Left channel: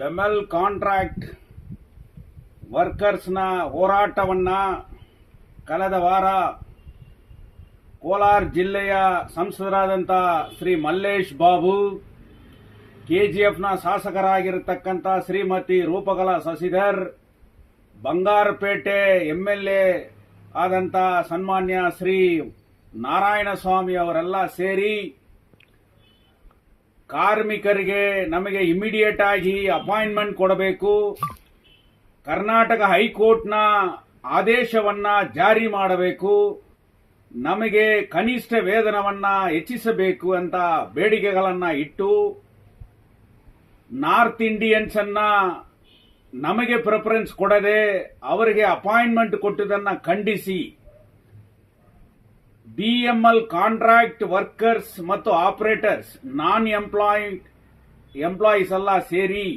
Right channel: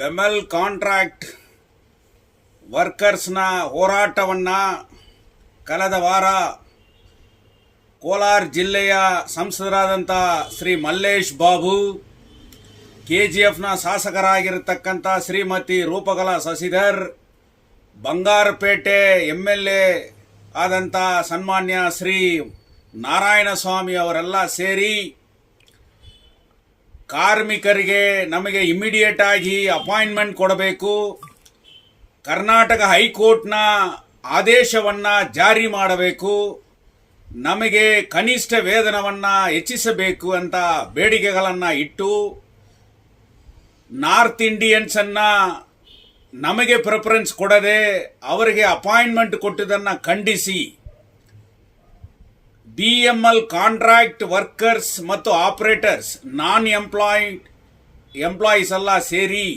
BEML contract ವರ್ಕರ್ಸ್ನ ಹೋರಾಟವನ್ನು ಕಳೆದ ವಾರ ಕೋಲಾರ ಜಿಲ್ಲೆಯ ಸಂಸದರಾದಂಥ ಶ್ರೀ ಮಲ್ಲೇಶ್ ಬಾಬು, KGFನ ಶಾಸಕರಾಗಿರತಕ್ಕಂಥ ಶ್ರೀಮತಿ ರೂಪಕಲಾ ಶಶಿಧರ್, ಬಂಗಾರಪೇಟೆ MLA ಆದಂಥ ಸನ್ಮಾನ್ಯ ಶ್ರೀ ನಾರಾಯಣಸ್ವಾಮಿ ಅವರೆಲ್ಲ ಸೇರಿ ಕಾರ್ಮಿಕರಿಗೆ ನಮಗೆ ಇಮಿಡಿಯೇಟ್ ಆಗಿ ಅಪಾಯಿಂಟ್ಮೆಂಟ್ ಕೊಡಬೇಕು, ಕರ್ನಾಟಕ ಹೈಕೋರ್ಟ್ನ ಆದೇಶವನ್ನು ಜಾರಿ ಮಾಡಬೇಕು, ನಮಗೆ ಕನಿಷ್ಠ ವೇತನವನ್ನು ಹೆಚ್ಚಿಸಬೇಕು ಅಂತ ಬೇಡಿಕೆಗಳನ್ನು ಇಟ್ಟು ನಾರ್ತ್ ಇಂಡಿಯನ್ಸನ್ನು ನಮಗೆ ಪ್ರಿಫರೆನ್ಸ್ ಕೊಡದೆ ಅವರಿಗೆ ಅಪಾಯಿಂಟ್ಮೆಂಟ್ ಕೊಟ್ಟಿದ್ದನ್ನು ಖಂಡಿಸಿ BML ಕಾಂಟ್ರಾಕ್ಟ್ ವರ್ಕರ್ಸ್ ಮತ್ತು ಆಪರೇಟರ್ಸ್ ಎಂಪ್ಲಾಯೀಸ್ ಎಲ್ಲ ಸೇರಿ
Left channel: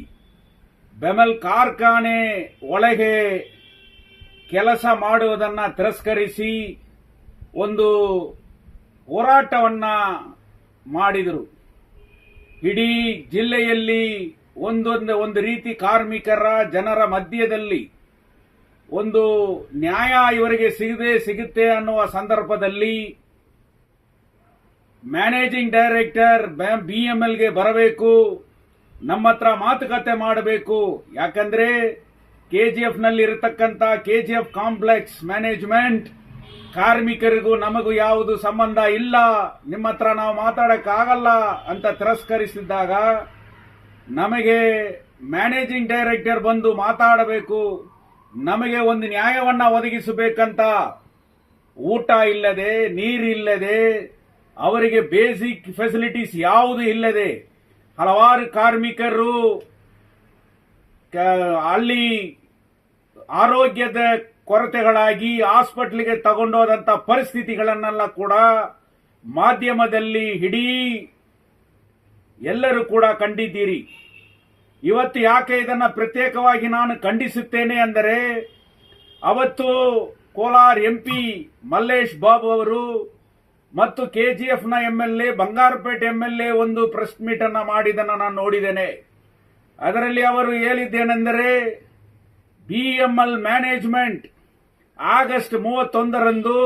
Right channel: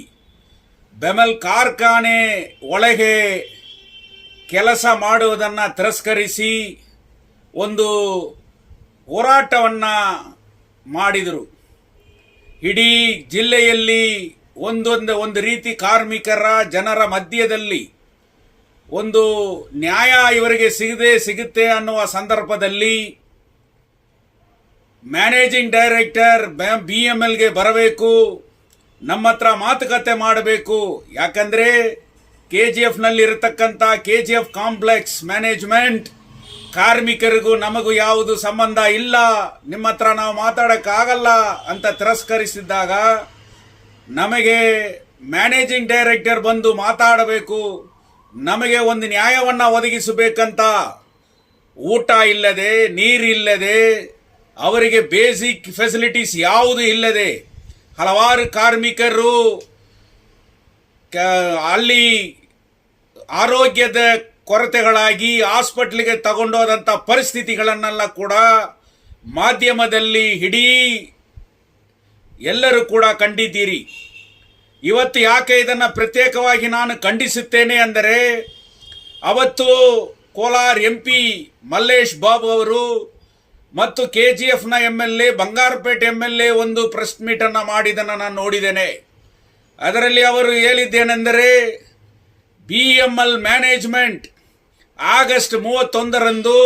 ಬೆಮೆಲ್ ಕಾರ್ಖಾನೆ ಒಳಗೆ ಕೆಲಸ ಮಾಡುವುದನ್ನು ತಿರಸ್ಕರಿಸಿ ಒಂದು ಹೋರಾಟವನ್ನು ಮಾಡಿದರು. ಇಡೀ ಜಿಲ್ಲೆಯಲ್ಲಿ ಒಂದು ರೀತಿ ಕಾರ್ಮಿಕರ ಜನರ ಮಧ್ಯದಲ್ಲಿ ಒಂದು ನ್ಯಾಯ ಇವರಿಗೆ ಸಿಗುತ್ತೆ ಅನ್ನುವ ಸಂದರ್ಭದಲ್ಲಿ ಮ್ಯಾನೇಜಿಂಗ್ ಡೈರೆಕ್ಟರ್ BMLಗೆ ಬರಬೇಕು, ನಮ್ಮ ಹತ್ರ ಮಾತುಕತೆ ಮಾಡಬೇಕು. ಯಾಕಂದರೆ KGFನಲ್ಲಿ ಇರತಕ್ಕಂಥ KGF ಕಾಂಪ್ಲೆಕ್ಸ್ ಮ್ಯಾನೇಜ್ಮೆಂಟ್ ಕಾರ್ಮಿಕರಿಗೂ ನಮಗೂ ಯಾವುದು ಸಂಬಂಧ ಇಲ್ಲ, ನಿಮ್ಮ ಹತ್ರ ನಾವು ಮಾತಾಡೋಕ್ಕಾಗಲ್ಲ ಅಂತ ತಿರಸ್ಕರಿಸಿದ್ದಾಗ ನಮಗೆ ಮ್ಯಾನೇಜಿಂಗ್ ಡೈರೆಕ್ಟರ್ ಬಂದು ಮಾತಾಡಬೇಕು, ನಮಗೆ ಒಂದು ನ್ಯಾಯವನ್ನು ಒದಗಿಸಬೇಕಂತ ಊಟ ಇಲ್ಲದೆ, ನೀರಿಲ್ಲದೆ, ಅವರಿಗೆ ಬೇಸಿಕ್ ಫೆಸಿಲಿಟೀಸ್ ಯಾವುದು ಇಲ್ಲದೆ ಹಲವಾರು ಕಾರ್ಮಿಕರು ಅಲ್ಲಿ ಆರೋಗ್ಯದ ಕೊರತೆಗಳಾಗಿ ಹಾಸ್ಪಿಟ್ಲಿಗೆ ತಗೊಂಡೋದಂಥ ಪರಿಸ್ಥಿತಿಗಳನ್ನೆಲ್ಲ ಕೂಡ ಮಾಧ್ಯಮದಲ್ಲಿ ಇಡೀ ಎಲ್ಲರೂ ಕೂಡ ಕಂಡಿದ್ದೀರಿ. ಇವತ್ತು ಯಾಕೆ ಇದನ್ನು ಪ್ರತ್ಯೇಕವಾಗಿ ನಾನು ಖಂಡಿಸುತ್ತೇನೆ ಅಂದರೆ, ಅವತ್ತು ಕೋಲಾರ MP ಮಲ್ಲೇಶ್ ಬಾಬು ಅವರು ಮತ್ತು KGFನ MLA ಬಂಗಾರಪೇಟೆ MLA ಒಂದು ಪ್ರೆಸ್ ಮೀಟನ್ನು ಮಾಡಿದ್ದನ್ನು ನಾನು ನೋಡಿದ್ದೇನೆ. ಅದರಲ್ಲಿ ಅವರು ಹೇಳಿದ್ದೇನೆಂದರೆ, BML ಮ್ಯಾನೇಜ್ಮೆಂಟ್ ಆಗಸ್ಟ್ 31ರಂದು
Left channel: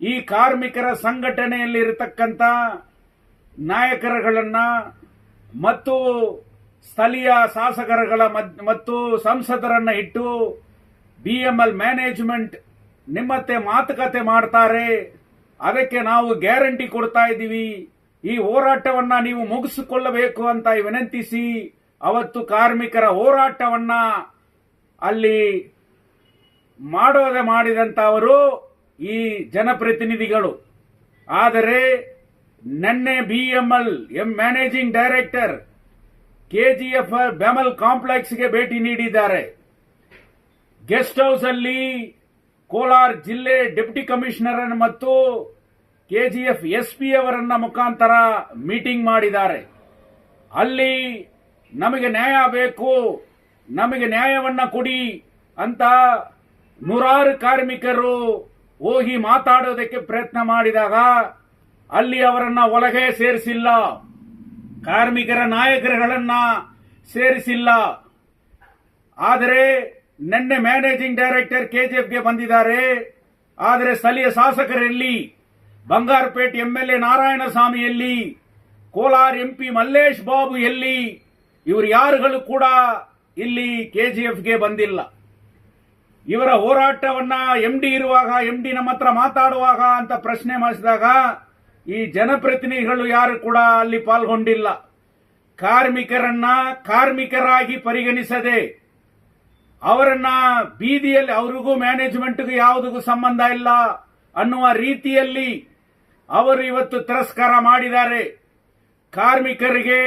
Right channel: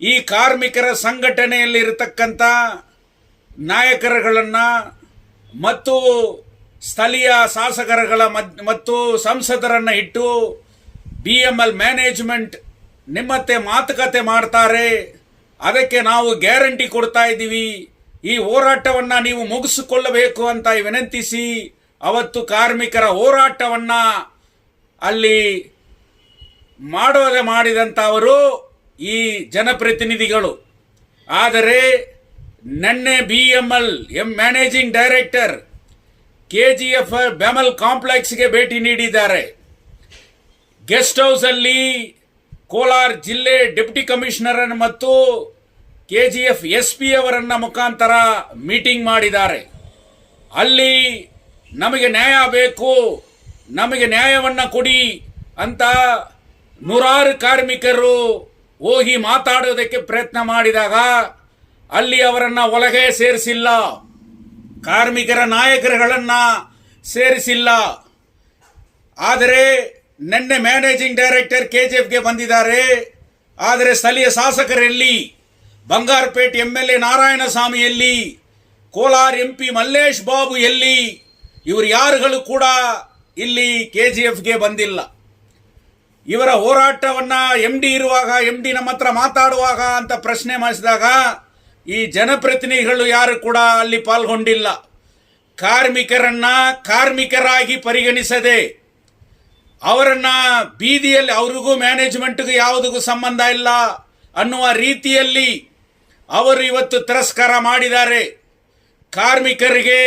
ಈ ಕಾರ್ಮಿಕರ ಸಂಘಟನೆಯಲ್ಲಿ ಇರತಕ್ಕಂಥ ನಾಯಕರುಗಳನ್ನು ಮತ್ತು ಸ್ಥಳೀಯ ಶಾಸಕರುಗಳ ಮತ್ತು ಸಂಸದರನ್ನು ಇಟ್ಟು BML ಮ್ಯಾನೇಜ್ಮೆಂಟ್ ನಿಮ್ಮತ್ತೆ ಮಾತುಕತೆ ಮಾಡ್ತಾರೆ, ಅದಕ್ಕೆ ನಾವು ಗ್ಯಾರಂಟಿ ಕೊಡ್ತಾ ಇದ್ದೀವಿ, ಈ ಹೋರಾಟವನ್ನು ನೀವು ಮುಗಿಸಿಕೊಳ್ಳಬೇಕು ಅಂತ ವಿನಂತಿಸಿ ಅವತ್ತು ಕಾರ್ಮಿಕರ ಹೋರಾಟವನ್ನು ಅಲ್ಲಿ ಮಾಡಿದಂಥವರು ಈ ಜನಪ್ರತಿನಿಧಿಗಳು. ಆದರೆ ನಿನ್ನೆ BML ಮ್ಯಾನೇಜಿಂಗ್ ಡೈರೆಕ್ಟರ್ KGF ಬೆಮೆಲ್ ಕಾಂಪ್ಲೆಕ್ಸ್ಗೆ ಭೇಟಿ ನೀಡಿದ್ದಾರೆ. ಗೆಸ್ಟ್ ಹೌಸಲ್ಲಿ ಕೋಲಾರ ಜಿಲ್ಲೆ ಡೆಪ್ಟಿ ಕಮಿಷನರ್ ಮತ್ತು KGF SP ಅವರನ್ನ ಮುಖಾಂತರ ಮೀಟಿಂಗ್ ಮಾಡಿದ್ದಾರೆ. ಅಲ್ಲಿ ನಮಗೆ ನ್ಯಾಯ ಬೇಕು, ನಮಗೆ ನ್ಯಾಯವನ್ನು ಕೊಡಿ ಅಂತ ನೂರಾರು ಕಾರ್ಮಿಕರು ಹೋಗಿ ಮಾತಾಡೋದಕ್ಕೆ ಪ್ರಯತ್ನ ಮಾಡಿದಾಗ ಅಲ್ಲಿ ಅವರನ್ನು ಒಳಗೆ ಸೇರಿಸಿಲ್ಲ, ಕಾರ್ಮಿಕರ ನಾಯಕರುಗಳನ್ನು ಸೇರಿಸಿಲ್ಲ. ಆದರೆ ನಿನ್ನೆ ಮ್ಯಾನೇಜಿಂಗ್ ಡೈರೆಕ್ಟರ್ KGFಗೆ ಬಂದಿದ್ದಾರೆ. ಆದರೆ ಸ್ಥಳೀಯ ಶಾಸಕರಲ್ಲಿ ಬಂಗಾರಪೇಟೆ MLA ನಾರಾಯಣಸ್ವಾಮಿ ಎಲ್ಲಿ, ಕೋಲಾರ MP ಮಲ್ಲೇಶ್ ಬಾಬು ಎಲ್ಲಿ, ಇವರು ಯಾರುಗಳು ಕೂಡ ಇಲ್ಲಿ KGFಗೆ ಬಂದಿಲ್ಲ. ಇವರ ಹೋರಾಟವನ್ನು MD ಇರುವಾಗ, MD ನಮ್ಮ ಹತ್ರ ಮಾತಾಡುವಾಗ ಅಂತ ಪ್ರಶ್ನೆ ಮಾಡಿಸಿದಾಗ ಈ ಜನಪ್ರತಿನಿಧಿಗಳು ಯಾರು ಕೂಡ ಅಲ್ಲಿ ಪಾಲ್ಗೊಂಡಿಲ್ಲ. ಕಾರ್ಮಿಕರನ್ನ ಕಾರ್ಮಿಕರಾಗಿ ಪರಿಗಣಿಸದೆ ಅವರನ್ನ ಬೀದಿಯಲ್ಲಿ, ಅವ್ರಿಗೂ ಮ್ಯಾನೇಜ್ಮೆಂಟ್ಗೂ ಯಾವುದಕ್ಕೂ ಸಂಬಂಧ ಇಲ್ಲ ಅನ್ನುವ ರೀತಿಯಲ್ಲಿ ಅವರು ಇವತ್ತು ತಿರಸ್ಕಾರ ಮಾಡಿದ್ದಾರೆ. ಕಾರ್ಮಿಕರಿಗೆ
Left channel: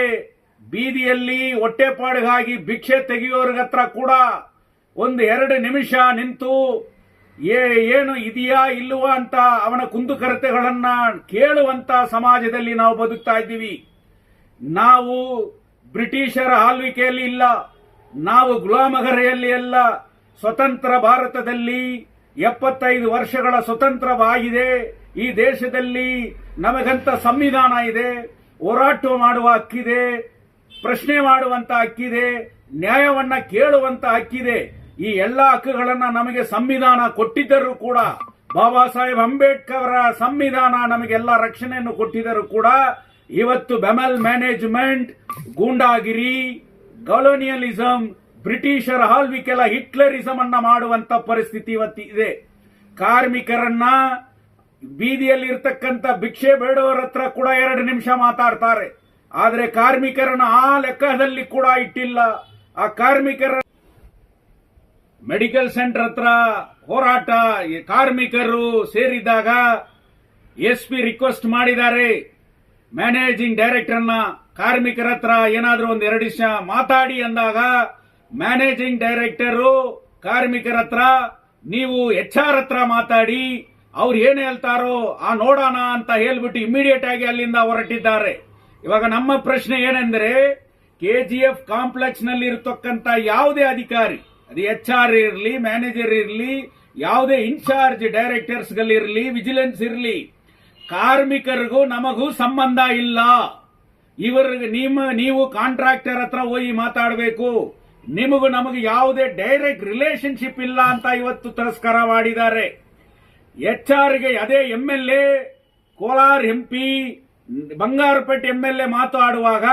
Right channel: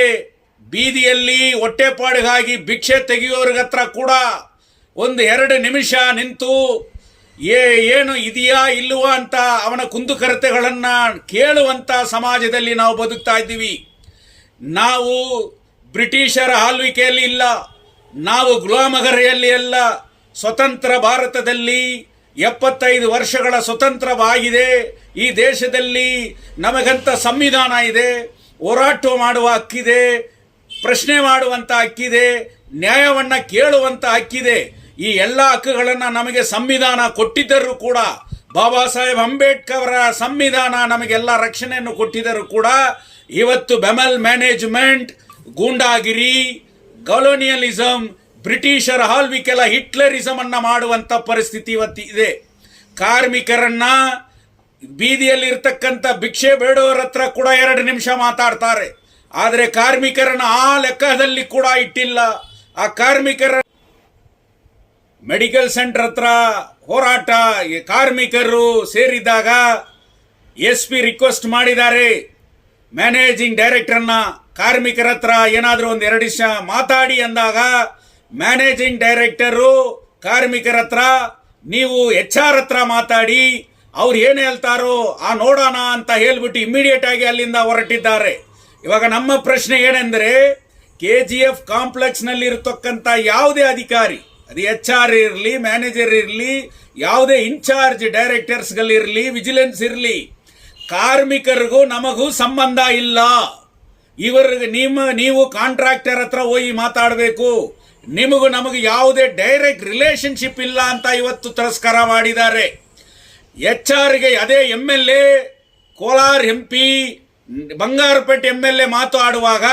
ಬೀದಿಯಲ್ಲಿ ಹೊಟ್ಟೆಪಾಡಿಗಾಗಿ ಭಿಕ್ಷೆ ತೆಗೆಯೋರ್ಗ ಹತ್ರ ಕೂಡ 1-2 ನಿಮಿಷ ನಿಂತು ಏನು ಇದೆಯಾ ಇಲ್ಲವಾ ಅಂತ ಅವನ ಕುಂದುಕೊರತೆಗಳನ್ನು ಕೇಳುವಂಥ ಸಮಾಜದಲ್ಲಿ ನಾವು ಬದುಕ್ತಾ ಇದ್ದೀವಿ. ನಾವು ಬ್ರಿಟಿಷರ ಆಳ್ವಿಕೆಯಲ್ಲಿ ಇಲ್ಲ, ನಾವು ಗುಲಾಮಗಿರಿಯಲ್ಲಿ ಅಲ್ಲ. ಸ್ವತಂತ್ರ ಭಾರತದಲ್ಲಿ 75 ವರ್ಷಗಳ ಸ್ವತಂತ್ರವಾಗಿದೆ. ಈ ದೇಶದಲ್ಲಿ ನಮಗಂತ ಸಂವಿಧಾನ ಇದೆ, ಹೋರಾಟ ಮಾಡುವ ಹಕ್ಕಿದೆ, ಪ್ರಶ್ನೆ ಮಾಡುವಂಥ ಹಕ್ಕಿದೆ, ನ್ಯಾಯವನ್ನ ಕೇಳುವಂತ ಹಕ್ಕಿದೆ. ಈ ಎಲ್ಲ ಹಕ್ಕುಗಳನ್ನ ನಮಗೆ ಸಂವಿಧಾನ ಕೊಟ್ಟಿದ್ದರೂ ಕೂಡ, ಬಾಬಾ ಸಾಹೇಬ್ ಅಂಬೇಡ್ಕರ್ ಅವರ ಸಂವಿಧಾನ ನಮಗೆಲ್ಲ ರಕ್ಷಣೆಯನ್ನು ಕೊಟ್ಟಿದ್ದರೂ ಕೂಡ, ಇವತ್ತು ಬೆಮಲ್ ಮ್ಯಾನೇಜ್ಮೆಂಟ್ ಗೂಂಡಾಗಿರಿ, ಕಾಲೋನಿಯಲಿಸಂ, ಬ್ರಿಟಿಷರ ಆಳ್ವಿಕೆಲ್ಲ ಹಿಟ್ಲರಿಸಮ್ ಅನ್ನ ಮಾಡುವಂತ ಪರಿಸ್ಥಿತಿ ಇವತ್ತು ಇದೆ. ಕಾರ್ಮಿಕರನ್ನ ಬೀದಿಯಲ್ಲಿ ಇರ್ತಕ್ಕಂಥ ಭಿಕ್ಷೆ ಬೇಡೋರ ಹತ್ರ ಕೂಡ 2 ನಿಮಿಷ ಮಾತಾಡ್ತಾರೆ. ಆದರೆ ಕಾರ್ಮಿಕರನ್ನ ಆ ಲೆಕ್ಕದಲ್ಲಿ ಕೂಡ ಇಟ್ಟಿಲ್ಲ. ಆ ಕಾರ್ಮಿಕರ ಮೆಡಿಕಲ್ ಸೆಂಟರ್ ಹತ್ರ ಹೋರಾಟ ಕಾರ್ಮಿಕರು ಸೇರಿದಾಗ SP ರಿಕ್ವೆಸ್ಟ್ ಮಾಡಿದ್ದಾರೆ ಮ್ಯಾನೇಜಿಂಗ್ ಡೈರೆಕ್ಟರ್ನ, ಕಾರ್ಮಿಕರ ಹತ್ರ ಏನಾದರೂ ಒಂದು 2 ನಿಮಿಷ ಮಾತಾಡಿ ಅಂದಾಗ ಮ್ಯಾನೇಜಿಂಗ್ ಡೈರೆಕ್ಟರು ಕಾರ್ಮಿಕರ ಹತ್ರ ನೀವು HR ಹತ್ರ ಮಾತಾಡಿ, ಅವ್ರು ಏನು ಹೇಳ್ತಾರೋ ಆ ನೋಡೋಣ ಅಂತ ಹೇಳ್ಬಿಟ್ಟು ಇಮಿಡಿಯೇಟ್ ಆಗಿ ಅಲ್ಲಿಂದ ಹೊರಟಿದ್ದಾರೆ. ಇವಾಗ ನಮ್ಮ ಪ್ರಶ್ನೆ ಏನೆಂದರೆ, KGF ಕಾಂಪ್ಲೆಕ್ಸ್ ನಲ್ಲಿ ಇರತಕ್ಕಂಥ ಯಾವುದೇ ಅಧಿಕಾರಿ, ಅದು HR ಇರಲಿ, ಮ್ಯಾನೇಜರ್ ಇರಲಿ, ಯಾವುದೇ ಇನ್ಚಾರ್ಜ್ ಡೈರೆಕ್ಟರ್ಸ್ಗಳಿರಲಿ, ವಿಜಿಲೆನ್ಸ್ ಇರಲಿ, ಕಾರ್ಮಿಕರಿಗೂ ನಮಗೂ ಸಂಬಂಧ ಇಲ್ಲ. ಇವರಿಗೆ ನೀವು ಕಾಂಟ್ರಾಕ್ಟರ್ ಹತ್ರ ಹೋಗಿ ಮಾತಾಡಬೇಕು, ನಿಮಗೂ ನಮಗೂ ಯಾವುದೇ ಡೈರೆಕ್ಟ್ ರಿಲೇಶನ್ಶಿಪ್ ಇಲ್ಲ ಅಂತ ಇವತ್ತು ತಿರಸ್ಕಾರ ಮಾಡಿದ್ದಾರೆ. HR ಅದೇ MLA, Kolar MP, Bangarpet MLA ಮಾತಾಡುವಾಗ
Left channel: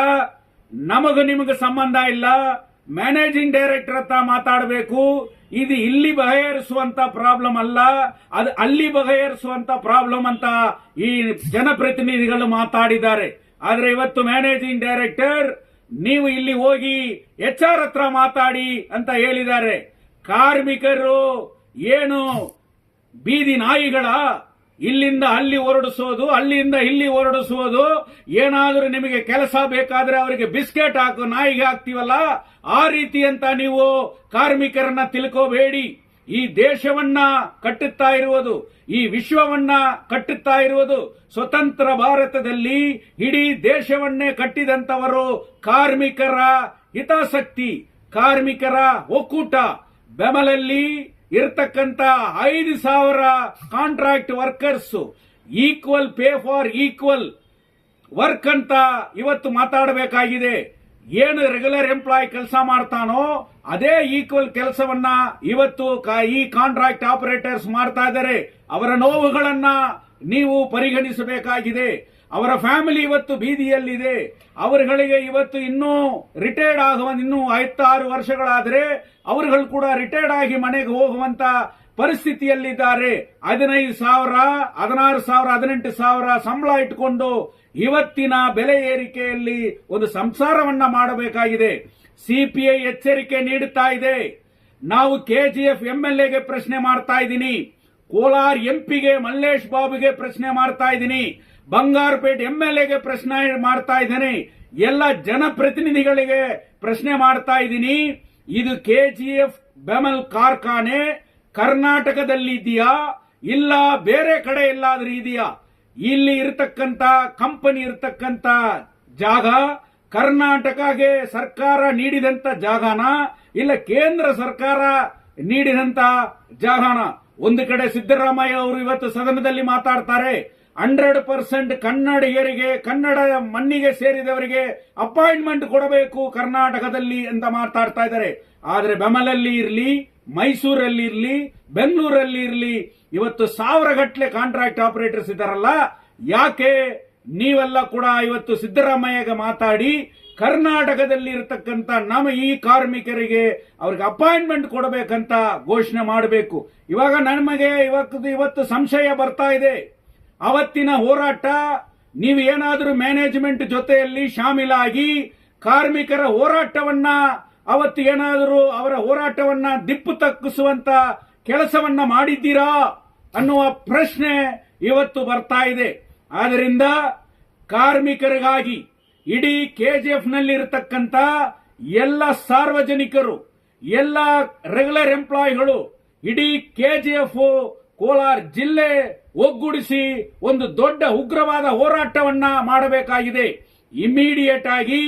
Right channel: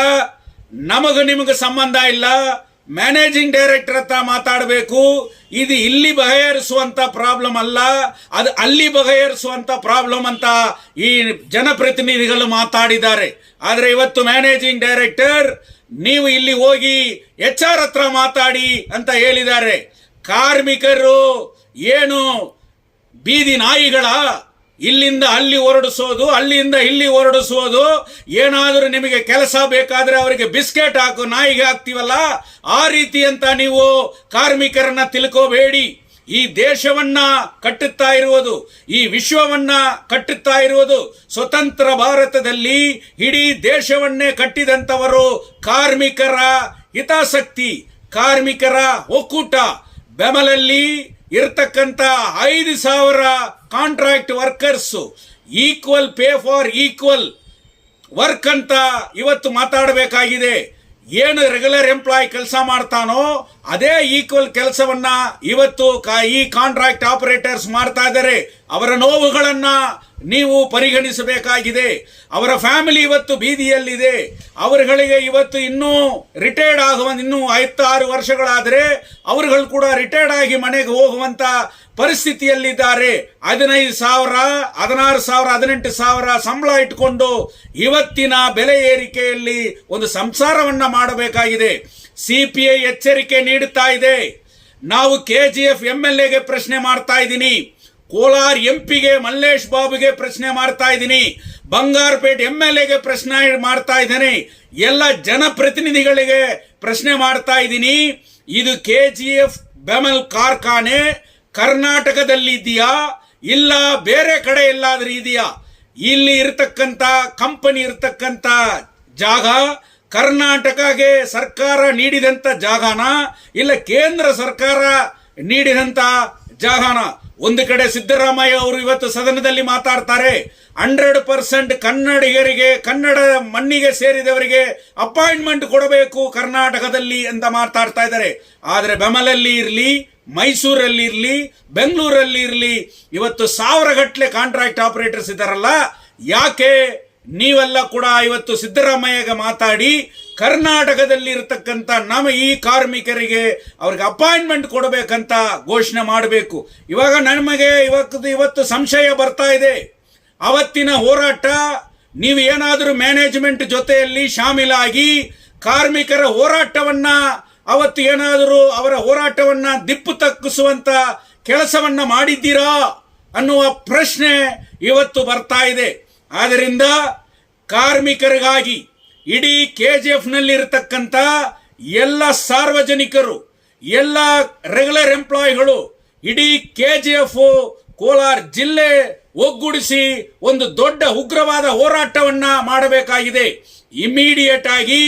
ನಮಗೂ ನಿಮಗೂ ಸಂಬಂಧ ಇಲ್ಲ, ಮ್ಯಾನೇಜಿಂಗ್ ಡೈರೆಕ್ಟರ್ ಹತ್ರ ಮಾತಾಡಬೇಕು, ಇದು ಇಲ್ಲಿ ಬಗೆಹರಿಸುವಂತ ಪ್ರಾಬ್ಲಮ್ ಅಲ್ಲ, ಅದು ಅಲ್ಲಿ ಬಗೆಹರಿಸುವಂತ ಪ್ರಾಬ್ಲಮ್ ಅಂತ ಈ ಜನಪ್ರತಿನಿಧಿಗಳು ಮಾತಾಡಿದ್ದಾರೆ. ಆದರೆ ಇವತ್ತು ಮ್ಯಾನೇಜಿಂಗ್ ಡೈರೆಕ್ಟರ್ ನೀವು ಇಲ್ಲಿ ಹೋಗಿ HR ಹತ್ರ ಮಾತಾಡಿ ಅಂತ ಹೇಳಿದ್ದಾರೆ. ಕಾರ್ಮಿಕರು ಏನು ಬೀದಿ ನಾಯಿಗಳ, ಇಲ್ಲಿಂದ ಅಲ್ಲಿ ಹೊರಡಿಸೋದು, ಅಲ್ಲಿಂದ ಇಲ್ಲಿ ಹೊರಡಿಸೋದು, ಏನಾದರೂ ನಿಮಗೆ ಕೆಲಸ ಬೇಕಾದ್ರೆ ಅವರಿಗೆ ಬಿಸ್ಕೆಟ್ ಹಾಕು ನಾಯಿಗೆ ಹಾಕ್ತೀವಲ್ಲ ಆ ರೀತಿ ಅಂತ ನೀವು ಕಾರ್ಮಿಕರನ್ನ ತಿಳ್ಕೋಬೇಡಿ. ಈ ದೇಶವನ್ನ ಕಟ್ಟುತ್ತಾ ಇರುವುದು, ಈ ವಿಶ್ವವನ್ನ ಕಟ್ಟುತ್ತಾ ಇರುವುದು, ಸ್ವತಂತ್ರ ಭಾರತದಲ್ಲಿ ಇಡೀ ದೇಶವನ್ನೇ ಕಟ್ಟಿದಂತವರು ಕಾರ್ಮಿಕರ ಹಿತಾಸಕ್ತಿ, ಕಾರ್ಮಿಕರ ಒಕ್ಕೂಟ. ಬೆಮಲಲ್ಲಿ ಇರ್ತಕ್ಕಂಥ 5,000 contract workers, equal pay for equal work ಅಂತ ಇವತ್ತು ಮಾತಾಡಬೇಕಾಗಿದೆ. ಏನು ರೆಗ್ಯುಲರ್ ಎಂಪ್ಲಾಯ್ ಕೆಲಸ ಮಾಡ್ತಾನೋ ಅದೇ ಈಕ್ವಲ್ ಕೆಲಸವನ್ನ ಇವತ್ತು ಈ ಕಾಂಟ್ರಾಕ್ಟ್ ಆಪರೇಟರ್ಸ್ ಮಾಡ್ತಾ ಇದ್ದಾರೆ. ಅವರ ನೋವುಗಳನ್ನ ನೀವು ಪರಿಗಣಿಸಬೇಕಾಗಿದೆ. ಅವರ ಫ್ಯಾಮಿಲಿ ಇವತ್ತು ಬೀದಿಯಲ್ಲಿದೆ. ಅವರುಗಳಿಗೆ ಇವತ್ತು ಇನ್ನೂ ರಿಟೈರ್ಡ್ ಆಗುವ ಇನ್ನೂ 5-6 ವರ್ಷಗಳಾದರೆ ಅವರುಗಳು ಕೂಡ ರಿಟೈರ್ಡ್ ಆಗಿ ಮನೆಗೆ ಹೋಗುವಂತ ಪರಿಸ್ಥಿತಿಯಲ್ಲಿದ್ದಾರೆ. 15,000, 16,000, 18,000 ಸಂಬಳ ಇಟ್ಕೊಂಡು ಇವತ್ತಿನ ಬೆಲೆ ಏರಿಕೆಯಲ್ಲಿ ಒಂದು ಸಂಸಾರವನ್ನ ಮಾಡಬೇಕಾಗಿದೆ. CPI ಎಚ್ಚರಿಕೆ ನೀಡುತ್ತಾ ಇದೆ. ನಾವು KGF MLAಗೆ ಪ್ರಶ್ನೆ ಮಾಡ್ತಾ ಇದ್ದೀನಿ, ಕೋಲಾರ MP ಮಲ್ಲೇಶ್ ಬಾಬುಗೆ ಪ್ರಶ್ನೆ ಮಾಡ್ತಾ ಇದ್ದೀನಿ, ಬಂಗಾರಪೇಟೆ MLAಗೆ ಪ್ರಶ್ನೆ ಮಾಡ್ತಾ ಇದ್ದೇನೆ, ಎಲ್ಲ ಜನಪ್ರತಿನಿಧಿಗಳಿಗೆ ಪ್ರಶ್ನೆ ಮಾಡ್ತಾ ಇದ್ದೀನಿ. ಇದು KGF ಬೆಮಲ್ ಕಾರ್ಖಾನೆ ಕರ್ನಾಟಕದಲ್ಲಿ ಇದೆಯಾ ಇಲ್ಲ ಬೇರೆ ಕಡೆ ಎಲ್ಲಾದ್ರೂ ಇದೆಯಾ? ಇಲ್ಲಿ ಇರತಕ್ಕಂತ ಕಂಪನಿ ಇರತಕ್ಕಂತ ಜಾಗ ಕರ್ನಾಟಕಗೆ ಸರ್ಕಾರ ನೀಡಿದಂತ ಜಾಗನ ಇಲ್ಲ ಕೇಂದ್ರ ಸರ್ಕಾರ ನೀಡಿದಂತ ಜಾಗನ? ಒಂದು ಕಡೆ ಸಿದ್ದರಾಮಯ್ಯ ಅವರು ಇವತ್ತು ಸದನದಲ್ಲಿ ಮಾತಾಡ್ತಾರೆ, 100% ಕನ್ನಡಿಗರಿಗೆ, ಕನ್ನಡ ಮಣ್ಣಿಗೆ ಸೇರಿದವರಿಗೆ ಅಪಾಯಿಂಟ್ಮೆಂಟ್ ಕೊಡಬೇಕು ಕರ್ನಾಟಕದಲ್ಲಿ ಅಂತ ಮಾತಾಡ್ತಾ ಇದ್ದಾರೆ. ಆದರೆ ಬೆಮಲಲ್ಲಿ ಇರಲಿ, ಮೈಸೂರಲ್ಲಿ ಇರಲಿ, ಬೆಂಗಳೂರಲ್ಲಿ ಇರಲಿ, ಇವತ್ತು 1000 ಗಟ್ಟಲೆ ಕಾಂಟ್ರಾಕ್ಟ್ ಆಪರೇಟರ್ಸ್ ಇದ್ದಾರಲ್ಲ, ಯಾಕೆ ನೀವೆಲ್ಲ ಕೂಡ ಇವತ್ತು ಸಿದ್ದರಾಮಯ್ಯಗೆ ಮಾತಾಡಿ ಕರ್ನಾಟಕದಲ್ಲಿ ಇರತಕ್ಕಂತ ನಮ್ಮ ಈ ಕಾರ್ಮಿಕರಿಗೆ ಅವ್ರಿಗೆ ಅಪಾಯಿಂಟ್ಮೆಂಟ್ ಕೊಡಬೇಕಂತ ಘೋಷಣೆ ಮಾಡಬೇಕು? ಇವಾಗ ನಮಗೆ ಇವತ್ತು ಸಂಶಯ ಬರ್ತಾ ಇದೆ. ಅವತ್ತಿನ ಹೋರಾಟ ನೀವು ಏನಾದರೂ ಮ್ಯಾನೇಜ್ಮೆಂಟ್ ಜೊತೆಯಲ್ಲಿ ಶಾಮೀಲಾಗಿ ಕಾರ್ಮಿಕರ ಹೋರಾಟವನ್ನ ಅವತ್ತು ಏನಾದರೂ ಅವರ ಹೋರಾಟವನ್ನ ದಿಪ್ಪು ತಪ್ಪಿಸುವಂತ ಕೆಲಸವನ್ನ ಮಾಡಿದ್ದೀರಾ ಅನ್ನುವ ಪ್ರಶ್ನೆ ಇವತ್ತು ಬರ್ತಾ ಇದೆ. ಆದ್ದರಿಂದ ಕಾರ್ಮಿಕರಿಗಾಗಿ ಇಡೀ KGF ನಲ್ಲಿ ಇರತಕ್ಕಂತ ಎಲ್ಲ ಸಾರ್ವಜನಿಕರು, ಎಲ್ಲ ರೆಗ್ಯುಲರ್ ಎಂಪ್ಲಾಯಿಗಳು, ಇಡೀ KGF ಕೋಲಾರ ಜಿಲ್ಲೆ ಒಗ್ಗೂಡಿಸಿ ಒಂದು ದೊಡ್ಡ ಉಗ್ರವಾದ ಹೋರಾಟವನ್ನ ಮಾಡಬೇಕಾಗಿದೆ. ಇಮಿಡಿಯೇಟ್ ಆಗಿ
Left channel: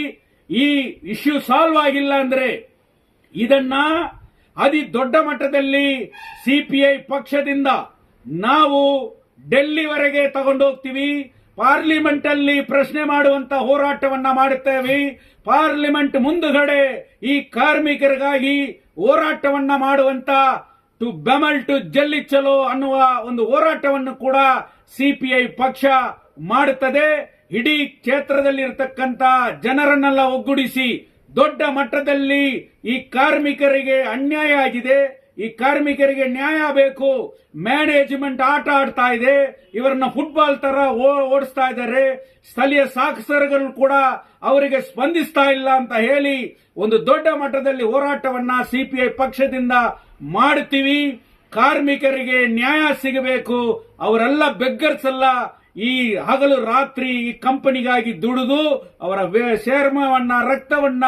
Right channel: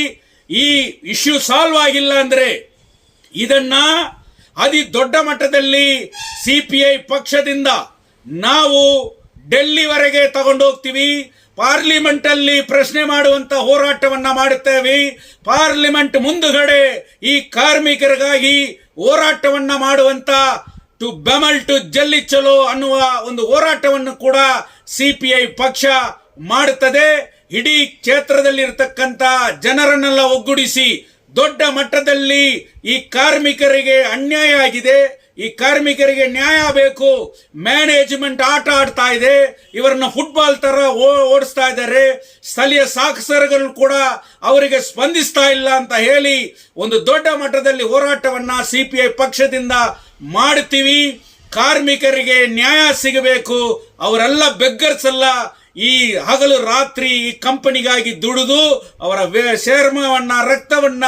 ಈ ಇಶ್ಯೂ ಸಾಲ್ವ್ ಆಗಿಲ್ಲ ಅಂದ್ರೆ ಇದನ್ನ ಅತಿ ದೊಡ್ಡ ಮಟ್ಟದಲ್ಲಿ CPI ಪಕ್ಷದಿಂದ ನಾವು ಡೆಲ್ಲಿವರೆಗೆ ತಗೊಂಡೋಗ್ತೀವಿ. ಪಾರ್ಲಿಮೆಂಟ್ ಅಲ್ಲಿ ಪ್ರಶ್ನೆ ಮಾಡುವಂತ ಹೋರಾಟವನ್ನ ಮಾಡುತ್ತೇವೆ. ಪಾರ್ಲಿಮೆಂಟ್ ಮುಂದುಗಡೆ ಈ ಕಾರ್ಮಿಕರಿಗಾಗಿ ಹೋರಾಟವನ್ನ ಮಾಡುವಂತ ಟು ಬೆಮಲ್ ಟು ಜಲ್ಲಿ ಚಲೋ ಅನ್ನುವ ಒಂದು ಹೋರಾಟವನ್ನು ಕೂಡ ಸಿಪಿಐ ಪಕ್ಷ ಮಾಡುತ್ತದೆ. ಇಡೀ ಕ್ಷೇತ್ರದಲ್ಲಿರ್ತಕ್ಕಂಥ ಜನರನ್ನೆಲ್ಲ ಒಗ್ಗೂಡಿಸಿ ದೊಡ್ಡ ಮಟ್ಟದಲ್ಲಿ ಈ ಕಾರ್ಮಿಕರಿಗೆ ಅನ್ಯಾಯ ಆಗಿದೆ, ಈ ಕಾರ್ಮಿಕರಿಗೆ ನ್ಯಾಯ ಬೇಕು. ಮ್ಯಾನೇಜ್ಮೆಂಟ್ ಆಟ ಆಡ್ತಾ ಇದೆ, ಇವರನ್ನ ಫುಟ್ಬಾಲ್ ತರ ಓಡಿಸ್ತಾ ಇದ್ದಾರೆ. ಸ್ಥಳೀಯ ಶಾಸಕರು ಕೂಡ ಅವರಿಗೆ ಸ್ಪಂದಿಸ್ತಾ ಇಲ್ಲ ಅಂತ ಹೇಳಿ ಒಂದು ದೊಡ್ಡ ಮಟ್ಟದಲ್ಲಿ ಹೋರಾಟವನ್ನ ಸಿಪಿಐ ಪಕ್ಷದಿಂದ ಮಾಡ್ತೀವಿ. ಕಾರ್ಮಿಕರಿಗೆ ನ್ಯಾಯ ಸಿಗಬೇಕು. ಅವರೆಲ್ಲ ಬೆಗ್ಗರ್ಸ್ ಅಲ್ಲ. ಈ ಹಗಲು ರಾತ್ರಿ ಈ ಕಂಪನಿಗಾಗಿ ದುಡಿದು ಅವರ ಚರ್ಮವನ್ನ ರಕ್ತವನ್ನ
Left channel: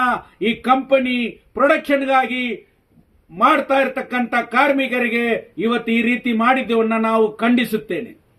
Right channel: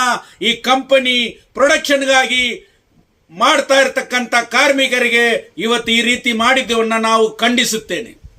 ಈ ಕಂಪನಿ ಪ್ರೊಡಕ್ಷನ್ಗಾಗಿ ಮಾಡ್ತಾ ಇರತಕ್ಕಂತ ಕಾರ್ಮಿಕರಿಗೆ ಇವತ್ತು ಈ ರೀತಿ ಮಾಡಿದ್ದವನ್ನ ನಾವು ಖಂಡಿಸುತ್ತೇನೆ.